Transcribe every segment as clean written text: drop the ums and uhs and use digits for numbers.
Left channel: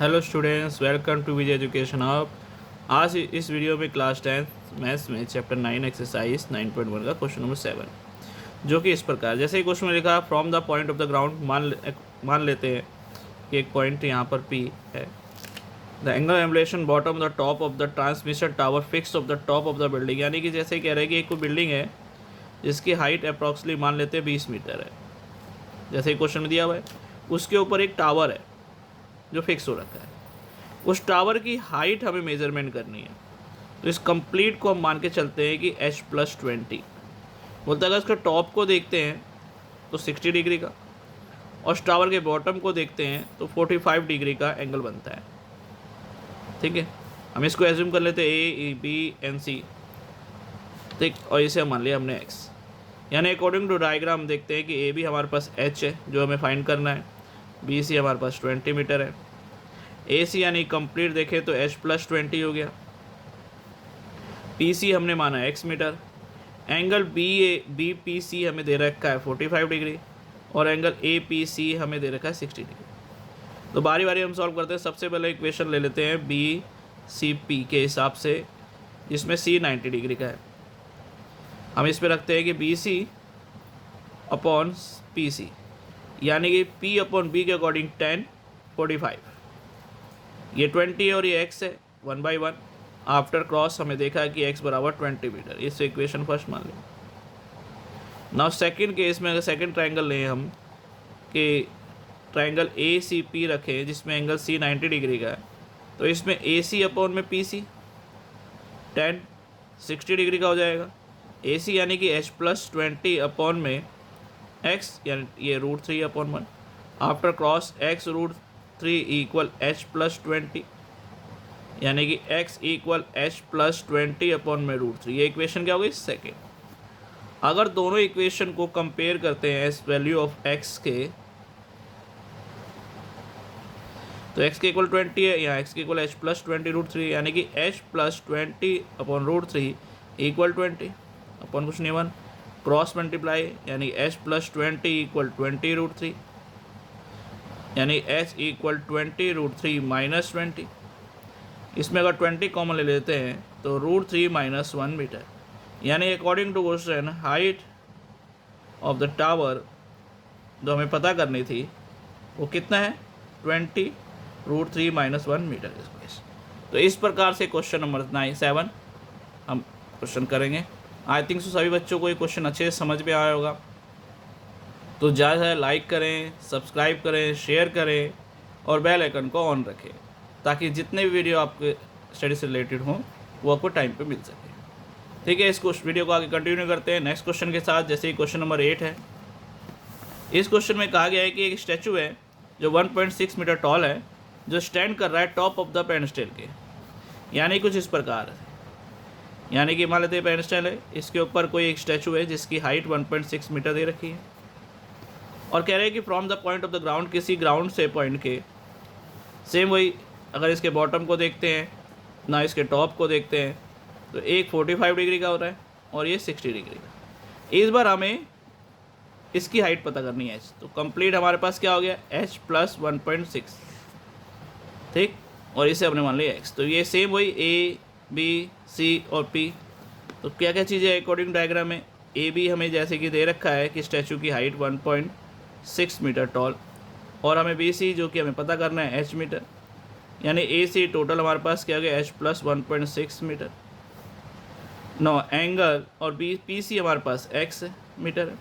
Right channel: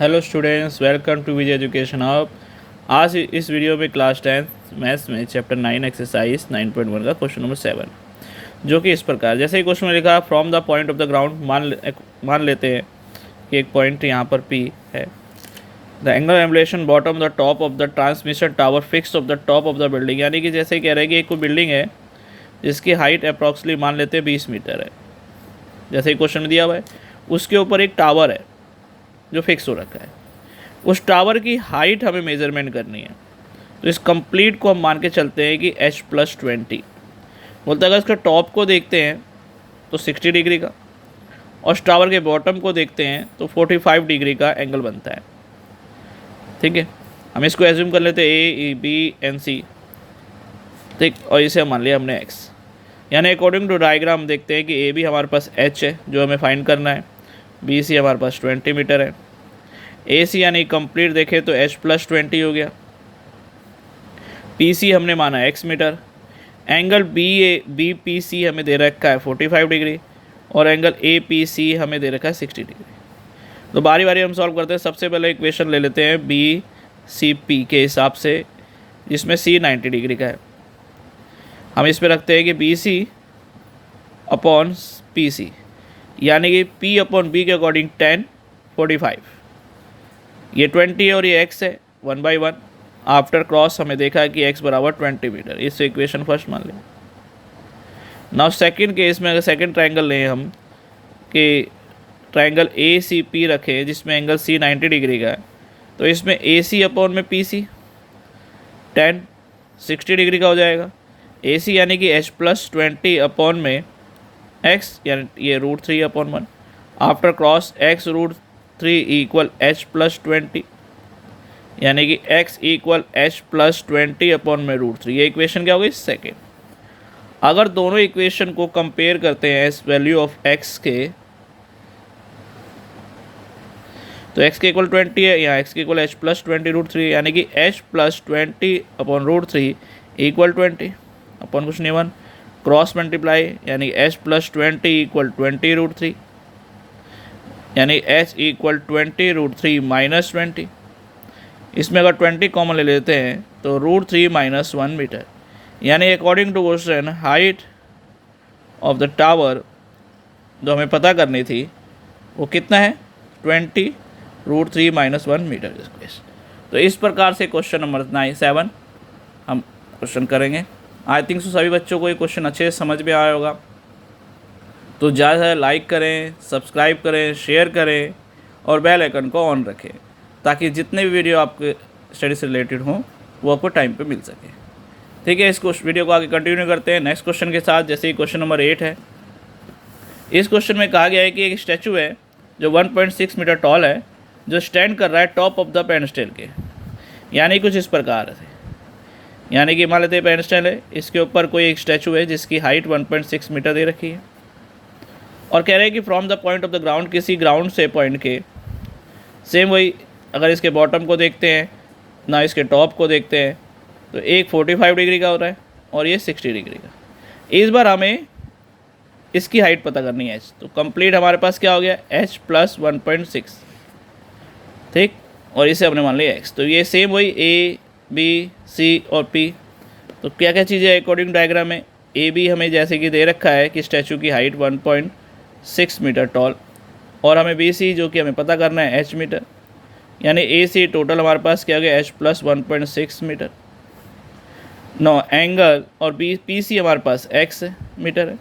Hello students, welcome to Vijay education hub. आज इस video में क्लास 10 मैथ्स में चैप्टर 9 एक्सरसाइज 9.1 का क्वेश्चन नंबर 7, जो कि इस प्रकार, जैसे ही क्वेश्चन में लिखा from the point of the ground, मान लेते हैं कि एक पॉइंट यहाँ पर P है। The angle ambulation bottom the top of the transmission tower fix of the top of the building, यानी कि जैसे कह रहे हैं कि एक कोई बिल्डिंग है जिसकी हाइट अप्रॉक्सीमेटली मान लेते हैं 20 मीटर है, जैसे ही क्वेश्चन में दिया हुआ है। उसके ऊपर एक टावर है जो फिक्स हो रखा है। उस टावर की हाइट हमें मेजरमेंट करनी है। तो इस कंप्लीट को हम मान के चलते हैं कि h+20 बोलता है। अगर इसका टॉप को देखते हैं तो 60 डिग्री का, और उस टावर के बॉटम को देखते हैं तो 45 डिग्री का एंगल बनता है। ठीक है, हम इसको एज्यूम कर लेते हैं ए बी एन सी, ठीक, और इसे मान लिया हमने x। यानी अकॉर्डिंग टू डायग्राम देखते हैं कि ए बी हमारे पास h है जो हमें फाइंड करना है, बी सी हमारे पास 20 मीटर है, ए सी यानी कंप्लीट देखें तो h+20 हो गया, पी सी हमने माना x metre, angle B P C हमें दे रखा है 45 डिग्री, और एंगल ए पी सी हमें दे रखा है 60 डिग्री। तो बारी बारी हम सॉल्व करते हैं। सबसे पहले इक्वेशन ले लेते हैं बी सी पी के हिसाब से, जिसमें सी 90 डिग्री का है। हम इस पे रखते हैं कि B C upon P C, यानी कि P अपॉन बी के अकॉर्डिंग 10 45, ये 20 है और ये x है 1/1। आफ्टर क्रॉस हमें देखा है कि x बराबर 20 मीटर। इस इक्वेशन फर्स्ट मान लें। नाउ सेकंड केस में अगर सेकंड ट्रायंगल लें हम कि ट्रायंगल ए सी पी रखें जिसमें एंगल C 90 डिग्री का है, तो इसमें ए सी अपॉन में पी सी 10 60 डिग्री का हो जाएगा। ए सी यानी कि h+20 अपॉन में x, यानी ये √3/1। After cross x √3 equal h+20, यानी कि x इक्वल h+20 अपॉन में √3। ये इक्वेशन क्या हो गई? सेकेंड। अगर दोनों इक्वेशन को कंपेयर करते हैं इस वैल्यू ऑफ x के, तो x के इक्वल 20 है, यहाँ x के इक्वल h+20 √3, यानी कि h+20 अपॉन √3 इक्वल 20 अपॉन कुछ नहीं 1, क्रॉस मल्टीप्लाई, यानी h+20 इक्वल 20 √3, यानी h इक्वल 20 √3 माइनस 20। इसमें अगर 20 कॉमन ले लेते हैं तो √3 - 1 मीटर, यानी according to question height of the tower जो हमें पता करनी थी वो कितना है? 20 √3 - 1 मीटर। तो इस प्रकार से क्वेश्चन नंबर 7 हम क्वेश्चन करेंगे। आई थिंक सो सभी बच्चों को ये क्वेश्चन अच्छे से समझ में आया होगा। तो ज़्यादा लाइक करें, सब्सक्राइब करें, शेयर करें और बेल आइकन को ऑन रखें, ताकि जितने भी वीडियो आपके स्टडी से रिलेटेड हों वो आपको टाइम पे मिल सके। ठीक है, इस वीडियो को आगे कंटिन्यू करते हैं नेक्स्ट क्वेश्चन के साथ। जैसे क्वेश्चन नंबर 8 है। इस क्वेश्चन में कहा गया है कि एक स्टैचू है जो 1.6 मीटर टॉल है, जो स्टैंड कर रहा है टॉप ऑफ द पेडस्टल के, यानी कुछ इस प्रकार है। यानी कि मान लेते हैं पेडस्टल है, इसके ऊपर कोई एक स्टैचू है जिसकी हाइट 1.6 मीटर दे रखी है, और कह रहे हैं कि from the point of the ground, किसी ग्राउंड से पॉइंट के, सेम वही अगर इसके बॉटम को देखते हैं ना इसके टॉप को देखते हैं, तो एक 45 डिग्री का हो रहा है और ये 60 डिग्री का। इस बार हमें इसकी हाइट पता करनी है h। तो कंप्लीट हमारे पास क्या हो गया? h+1.6, ठीक, और इसे हमने मान लिया x। तो ये सेम वही a b c और p। तो क्या क्या चीज़ें अकॉर्डिंग डायग्राम में? ए बी हमें जैसे कि दे रखा है कि स्टैचू की हाइट 1.6 मीटर टॉल, और हमें बी सी जो कि हमें पता करना है h मीटर, यानी ए सी टोटल हमारे पास क्या हो गया? h+1.6 metre. नो एंगल और बी पी सी हमारे पास x मीटर है,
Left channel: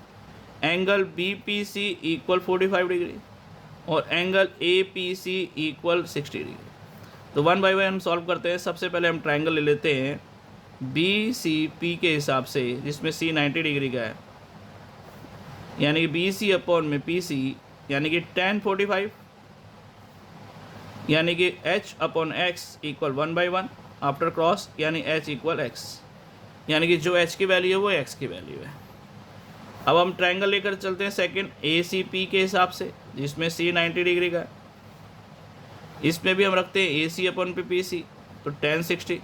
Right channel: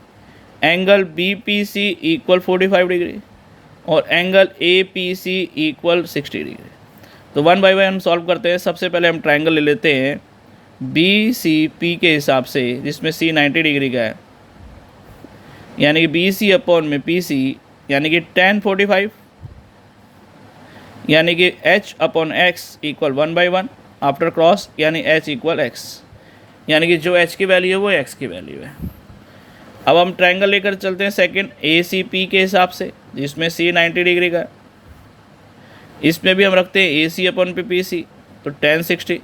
angle B P C equal 45 degree और angle A P C equal 60 degree. तो 1 बाय 1 हम सॉल्व करते हैं। सबसे पहले हम ट्रायंगल ले लेते हैं बी सी पी के हिसाब से, जिसमें C 90 डिग्री का है, यानी कि बी सी अपॉन में पी सी, यानी कि 10 45, यानी कि h upon x equal 1/1 after cross, यानी h इक्वल x, यानी कि जो h की वैल्यू है वो x की वैल्यू है। अब हम ट्रायंगल लेकर चलते हैं सेकंड ए सी पी के हिसाब से, जिसमें C 90 डिग्री का है। इसमें भी हम रखते हैं ए सी अपॉन पी सी, तो 10 60।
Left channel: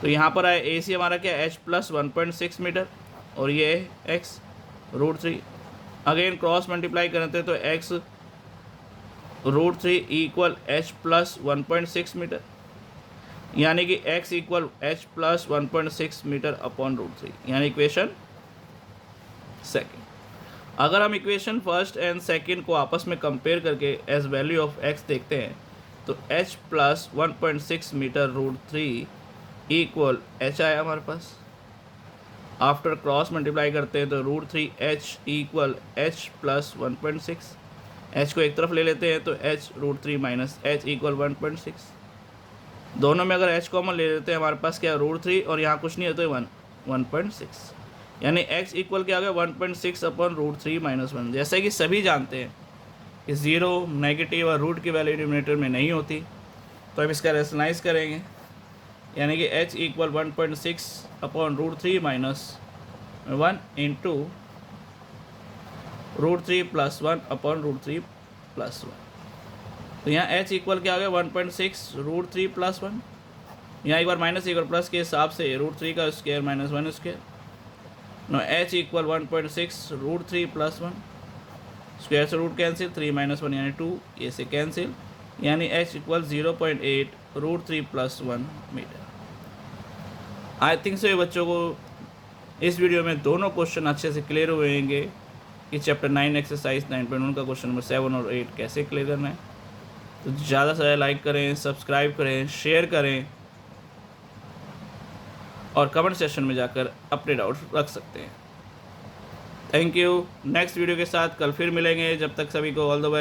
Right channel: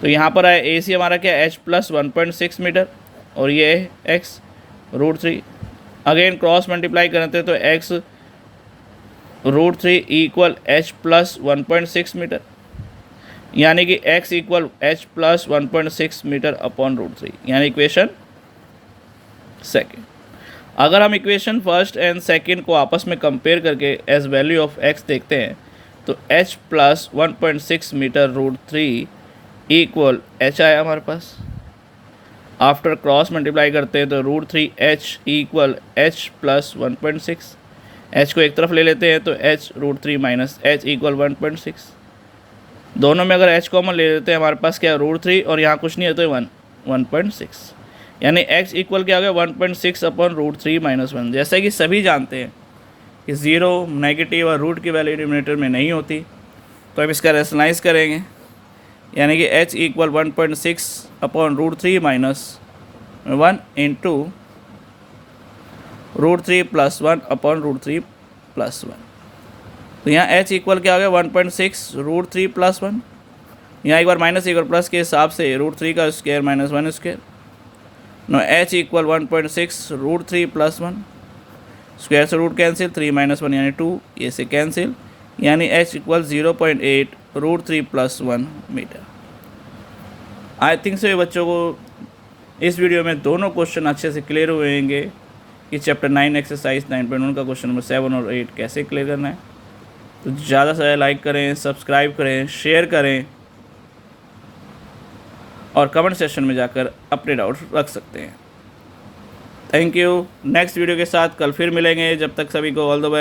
तो यहाँ पर आए ए सी हमारा क्या? h+1.6 मीटर, और ये है x √3। अगेन क्रॉस मल्टीप्लाई करते हैं तो x √3 equal h plus 1.6 metre, यानी कि x equal h plus 1.6 metre upon √3, यानी इक्वेशन सेकेंड। अगर हम इक्वेशन फर्स्ट एंड सेकेंड को आपस में कंपेयर करके एज वैल्यू ऑफ x देखते हैं तो h plus 1.6 metre √3 equal h आया हमारे पास। आफ्टर क्रॉस मल्टीप्लाई करते हैं तो √3h equal h plus 1.6, h को एक तरफ ले लेते हैं तो h √3 माइनस h इक्वल 1.6, दोनों में अगर h कॉमन ले लेते हैं हमारे पास क्या √3 और यहाँ कुछ नहीं है तो 1.6, यानी x इक्वल क्या हो गया 1.6 अपॉन √3 माइनस 1। जैसा कि सभी जानते हैं कि ज़ीरो नेगेटिव और रूट की वैल्यू डिनोमिनेटर में नहीं होती, तो अब इसका रेशनलाइज करेंगे, यानी कि h equal 1.6 upon √3 minus 1 into √3 plus 1 upon √3 plus 1। तो यहाँ h इक्वल क्या हो गया 1.6 √3 प्लस 1, यहाँ एक बार माइनस एक बार प्लस के हिसाब से √3 का square minus 1 square. No h equal 1.6 √3 plus 1, square से रूट कैंसिल, 3 माइनस 1 यानी 2, ये से कैंसिल, यानी h equal 0.8 √3 plus 1 metre. I think से बच्चों को इस वीडियो में दोनों क्वेश्चन अच्छे से क्लियर हुए होंगे कि चैप्टर 9 एक्सरसाइज 9.1 का क्वेश्चन नंबर 7 और 8 कैसे क्लियर करना है। तो ज़्यादा से ज़्यादा लाइक करें, सब्सक्राइब करें, शेयर करें और कमेंट सेक्शन में जाकर अपने डाउट रख सकते हैं। Thank you. नेक्स्ट वीडियो के साथ कल फिर मिलेंगे, जब तक सभी को ऑल द बेस्ट।